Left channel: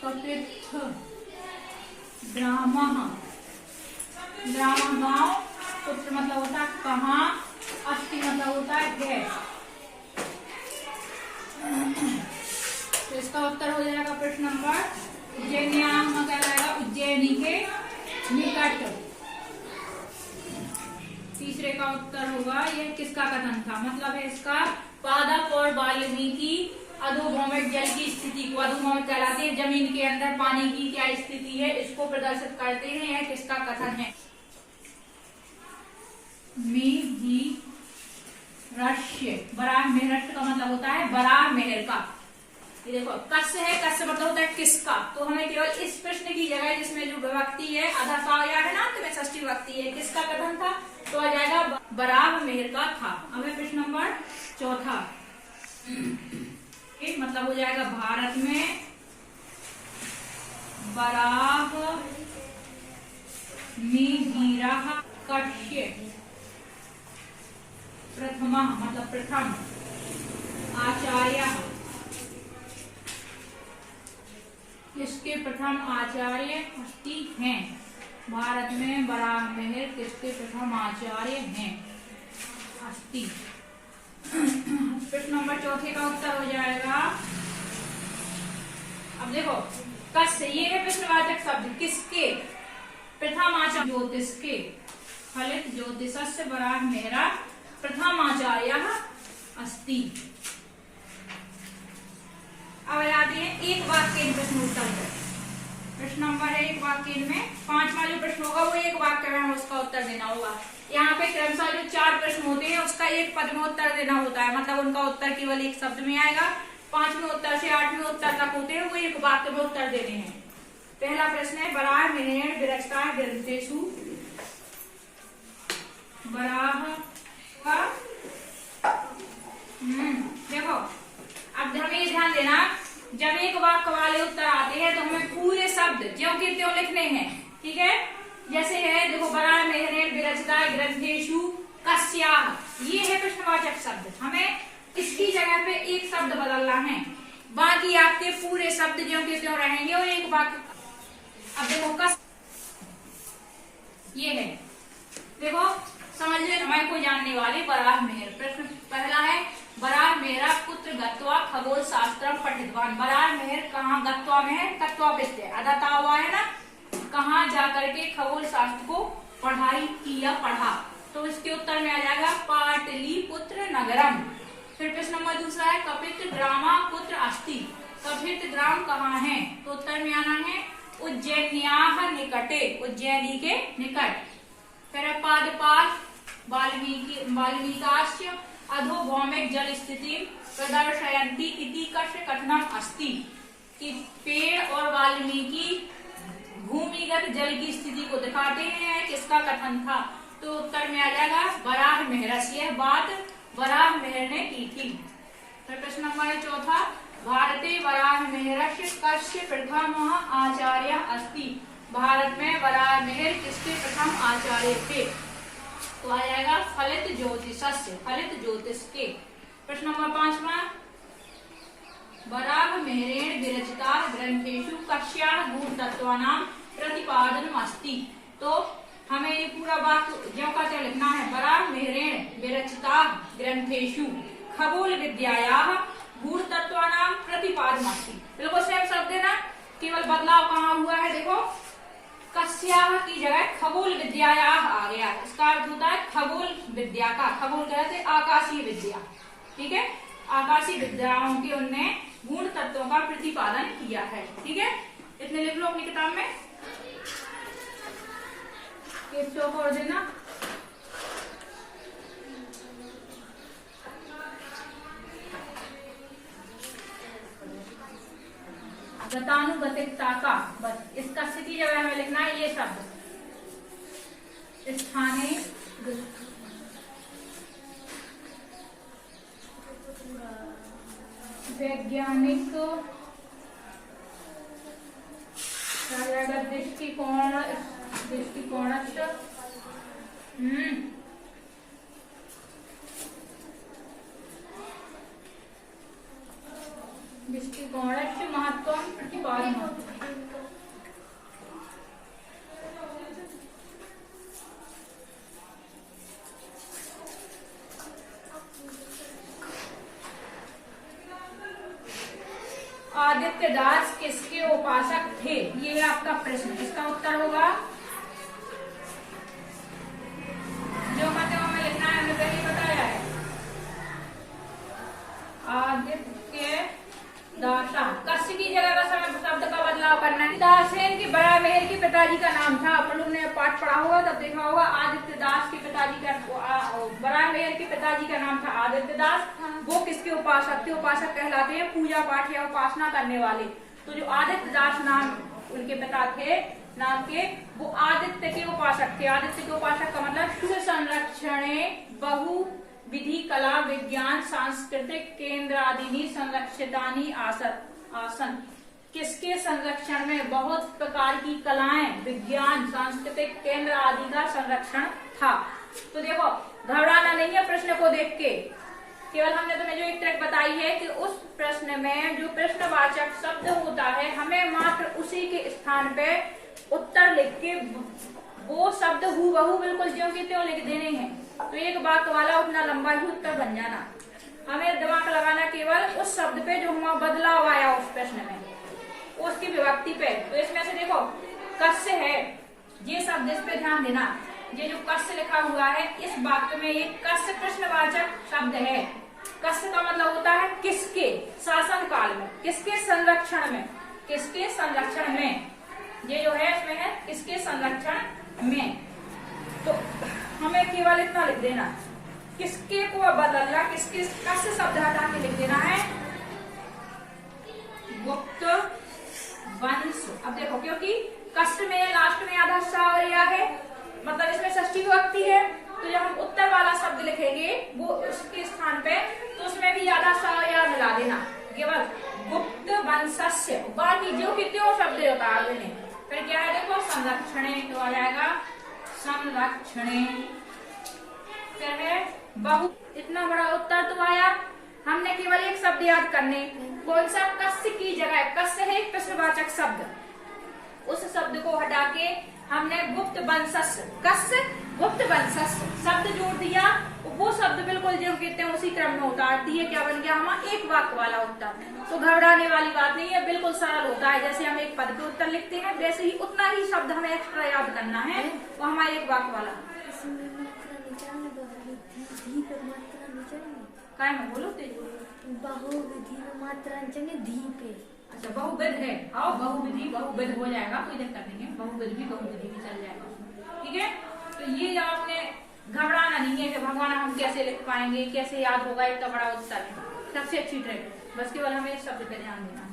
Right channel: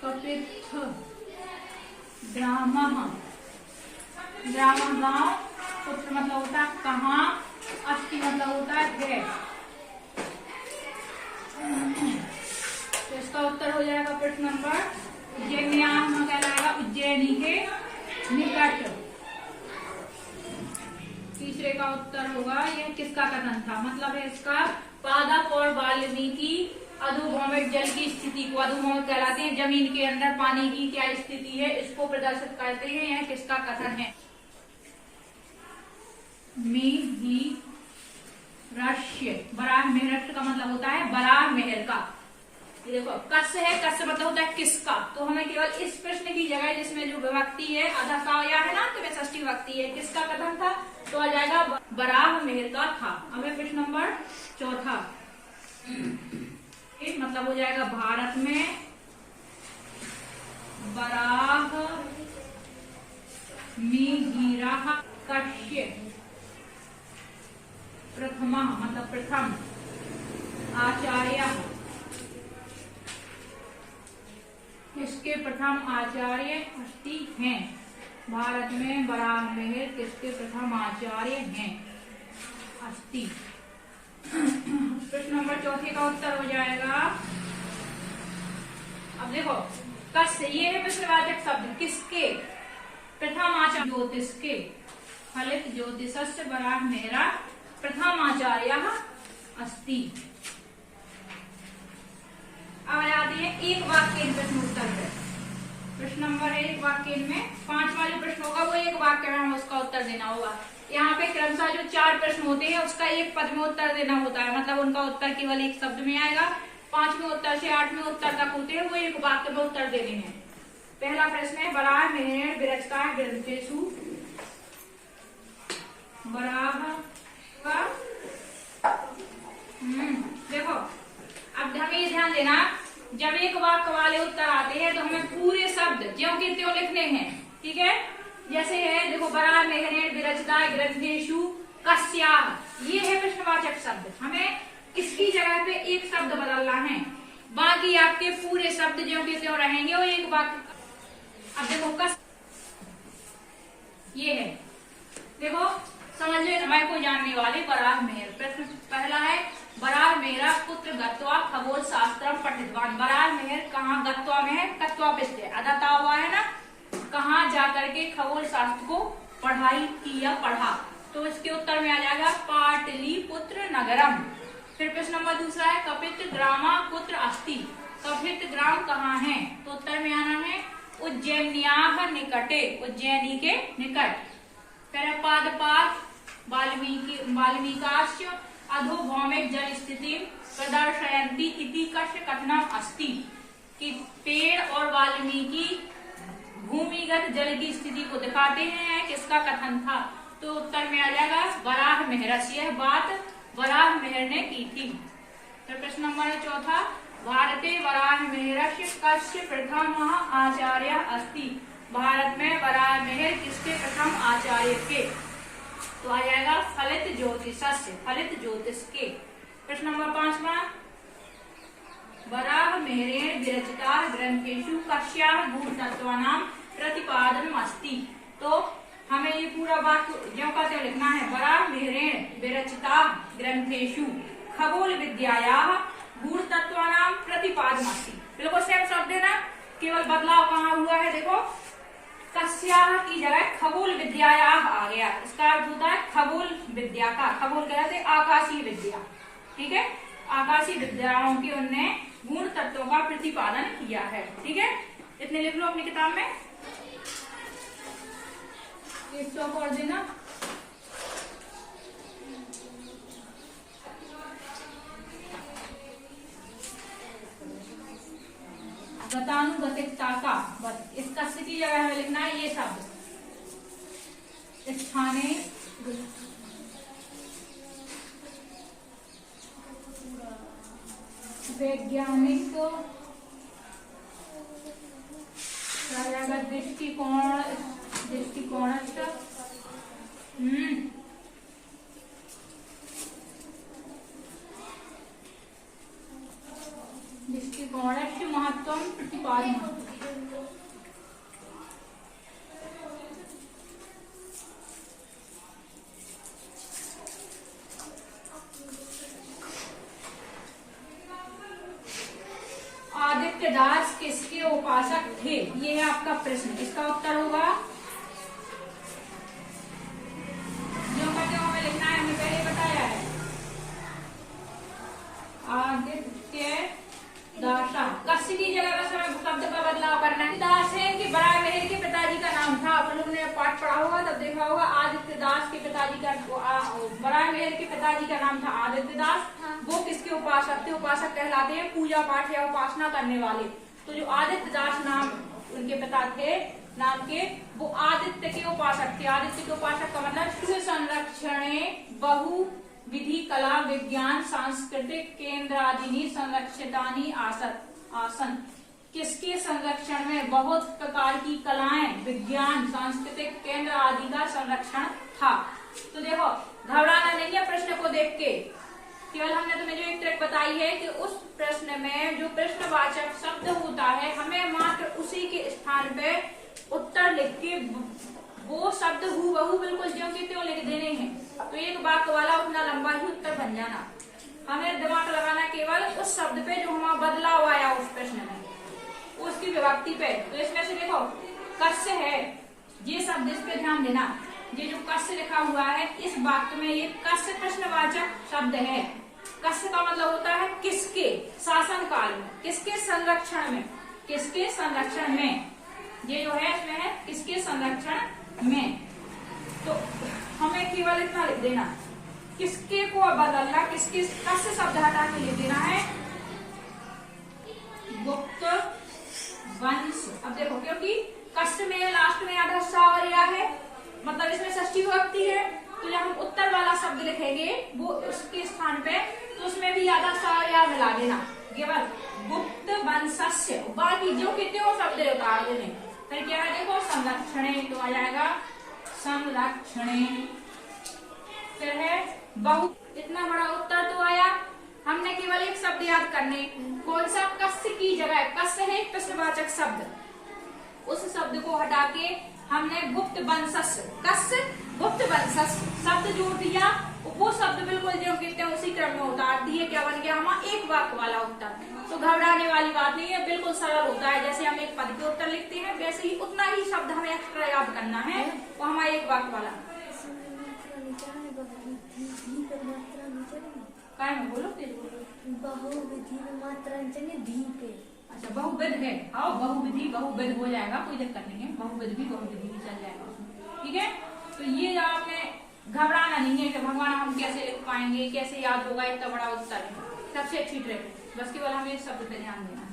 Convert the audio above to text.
कपित्थ ग्रामः, ग्राम गांव, पुत्र मतलब होता है कहाँ, अस्ति मतलब होता है। तो इसका उत्तर हो जाएगा प्रश्न नंबर उज्जैन्याम कहलाएगा उज्जैनी के निकट। तीसरे का उत्तर होगा यह किसका कथन था, मतलब है इसका पादप और वाल्मीकि अधोभौमिक जल की स्थिति को, अधोभौमिक कहलाते हैं जमीन के अंदर पानी की क्या स्थिति है, इसको प्रदर्शित करते हैं। यह किसका कथन है। मिहिरस्य, बराह मिहिरस्य का मतलब होता है बराह मेहर का। ये देखो कस्य है, कस्य मतलब होता है किसका, तो हमें केवल इस प्रश्न की जगह जिसमें जो विभक्ति है अधा का या है ना, तो में षष्ठी विभक्ति है, किसका कथन था, तो आ जाएगा बराह मेहर का था। अब है प्रश्न नंबर चौथा, मतलब हो जाएगा भारत में बराह मिहिरः कस्य प्रथमा, मतलब प्रथम आचार्य, किसके प्रथम आचार्य अस्ति हैं। भारत में बराह मेहर किसके प्रथम आचार्य हैं, अस्ति। प्रश्न नंबर चौथे का उत्तर हो जाएगा, अब देखो कस्य, ये है प्रश्नवाचक शब्द, किसके प्रथम आचार्य, ज्योतिष के, फलित ज्योतिषस्य बराह मेहरा प्रथम आचार्य अस्ति। अब आते हैं एक वाक्य प्रश्न उत्तर पे। प्रश्न नंबर है एक वाक्य में, पांचवा जो प्रश्न होगा वो एक वाक्य में हमें उसका उत्तर देना होगा। यहाँ पे क्रमशः जो 4 प्रश्न होते हैं उसका एक पद में उत्तर देना होता है, मतलब उनका उत्तर केवल एक शब्द में आएगा। 5वें उत्तर से 8वें उत्तर तक होते हैं वो एक वाक्य में उत्तर देने हैं। पहला प्रश्न है बराह मेहरेण विरचता ग्रंथेषु, बराह का देखो अब हमें ध्यान देना, जब एक वाक्य वाले उत्तर आते हैं तो हमें पूरे शब्द ज्यों के त्यों लिखने हैं, ठीक है। जैसे है देखो बराह मेहरेण विरचिता ग्रंथेषु कस्याः, ये है प्रश्नवाचक शब्द, हमें इसकी जगह पे एक शब्द बदलना है, बाकी आपके पूरे शब्द ज्यों के त्यों रहेंगे और एक वाक्य। अब देखो कस, ये है देखो समझ लो मैं को जानने वाले बराह मेहर। प्रश्न पहला है बराह मेहरा पुत्र गत्वा खगोल शास्त्र पठितवान, बराह मेहर कहाँ गत्वा में है, गत्वा विद्या अदता हुआ है ना, कहाँ जाकर के खगोल शास्त्र को पढ़ाई की या पढ़ा, तो इसके उत्तर में आ जाएगा पाटलिपुत्र नगरम। फिर प्रश्न नंबर दूसरा है कपित ग्रामा पुत्र अस्ति, कपित ग्राम कहाँ है, तो उत्तर में आना है उज्जैन्याः निकटे, उज्जैनी के निकट। फिर पादपात वाल्मीकास्य अधोभौमिक जल स्थिति प्रदर्शयन्ति इति कस्य कथनम अस्ति, कि पेड़ और वाल्मीकि भूमिगत जल की स्थिति को दिखाते हैं, किसका कथन था, तो उत्तर में आ जाएगा बराह मेहरस्य, यह बात बराह मेहर ने की थी। फिर प्रश्न नंबर है चौथा भारते बराह मेहरस्य कस्य प्रथम आचार्य अस्ति, भारत में बराह मेहर किसके प्रथम आचार्य थे, तो आ जाएगा फलित ज्योतिषस्य, फलित ज्योतिष के। प्रश्न नंबर 5वां बराह मेहरेण विरचिता ग्रंथेषु कस्याः गूढ़तत्त्वानां प्रतिपादनम् अस्ति, तो हमें ये पूरा वाक्य ज्यों का त्यों लिखना है, बराह मेहरेण विरचिता ग्रंथेषु खगोल विद्यायाः गूढ़तत्त्वानां प्रतिपादनम् अस्ति। देखो सेम शब्द है ना, केवल बदलाव कहाँ हुआ है, देखो कस्याः की जगह खगोल विद्यायाः आ गया, इसका अर्थ होता है खगोल विद्या का, खगोल कहते आकाशीय विद्या, ठीक है, आकाशीय विद्याओं के उनने गुण तत्वों का प्रतिपादन किया है, ठीक है। इतने लिख लो अपनी किताब में, एक चौक और देना। गतानुगतिकता का, बस इसका स्थिति जगह हमें लिखना है ये शब्द, स्थाने वैज्ञानिक दृष्टिकोण, दृष्टिकोण दृष्टिकोण महत्व तत्वम प्रतिपादनम। आदित्य दास किसके उपासक थे? ये है आपका प्रश्न। इसका उत्तर होगा जो माध्यमों में लिखना है, हमने पहले बताया है, आदित्य दास। कस्य की जगह का समय शब्द का बदलाव करना है। दास है कि बड़ा मेहर के पिताजी का नाम था। अपन लोगों ने पाठ पढ़ा होगा तब देखा होगा। आदित्य दास के पिताजी का, बड़ा मेहर के पिताजी का नाम था आदित्य दास। वो किसके उपासक थे? उपासक कहलाते हैं पूजा पाठ या उपासना करने वाले। तो जो आदित्य दास नाम उनके पिता थे नाम के, वो आदित्य के उपासक थे। आदित्य के उपासक का मतलब सूर्य संरक्षणे बहु विधि कला विज्ञान सांस्कृतिक केंद्र आदि संरक्षितानी आसन। किसके संरक्षण में? बहुत प्रकार की कलाएं, विज्ञान, सांस्कृतिक केंद्र आदि का संरक्षण था। तो देखो, घबराना नहीं है प्रश्न को देख के। केवल हमने तुम्हें जो एक ट्रिक बताई है कि उस प्रश्न में जो प्रश्नवाचक शब्द होता है, हमें मात्र उसी के स्थान पे उत्तर लिख के वो शब्द हूबहू बिल्कुल ज्यों की त्यों लिख देने हैं। तो एक वाक्य वाला उतना लंबा ही उत्तर बन जाना। हमें दिमाग लगाना केवल उस शब्द पे जो हमारा बदलाव आया उस प्रश्न में, उसकी विभक्ति पे। तो इसमें से देखो, कस्य है, ये शब्द इस पे ध्यान देना। ये जो कस्य लिखा हुआ है इस वाक्य में, ये कस्य प्रश्नवाचक शब्द है। कस्य का मतलब होता है किसके, शासन काल में, किसके संरक्षण में, किसके संरक्षण में। ये जो है इसमें है किसके संरक्षण में। तो हमें केवल इतना लिख देना, किसके को बदलना, किसके कस्य शब्द हटा के लिख देना है गुप्त वंश। अब देखो, क्योंकि कस्य में लास्ट में आधा सावरिया है, मतलब इसमें षष्ठी विभक्ति है। तो जब हम उत्तर वाला शब्द लिखेंगे वो उसके स्थान पे, तो उसमें भी आधा सावरिया मिला देना, केवल गुप्त वंशस्य। बाकी जो कि त्यों शब्द उतार देने। फिर क्या है देखो, संरक्षणे, तो आ जाएगा संरक्षणे। फिर है बहु। इतना बड़ा उत्तर तो आया। हमने केवल एक शब्द याद करने, कौन सा? कस्य की जगह। कस्य है प्रश्नवाचक शब्द, उस शब्द को हटा के हमने गुप्त वंशस्य, कस्य गुप्त वंशस्य शब्द जोड़ दिया। वो शब्द बिल्कुल जो कहते हैं उसी क्रम में उतार दिए। क्या बन गया हमारा? एक वाक्य वाला उत्तर। तो घबराने वाली बात नहीं है, बिल्कुल सरल होता है। जैसे हम एक पद के उत्तर लिखते हैं वैसे ही उतना ही शब्द हमें एक्स्ट्रा याद करना है, वो हमारा एक वाक्य वाला। काय में बोलो, तेज बोलो। बहुविधि में मात्रा धी पे। अच्छा, बहुविध है। आओ, बहुविधि बहुविध हो जाएगा, कोई दिक्कत नहीं है। बहुविध भी बहुविधि भी चल जाएगा उसमें, ठीक है। तो ये जो आपने घबराना नहीं है कि भगवान हम कैसे लिख पाएंगे, कैसे याद होगा, इतना बड़ा उत्तर है। सबसे अच्छी ट्रिक है, बस केवल हमें इस शब्द पे ध्यान देना।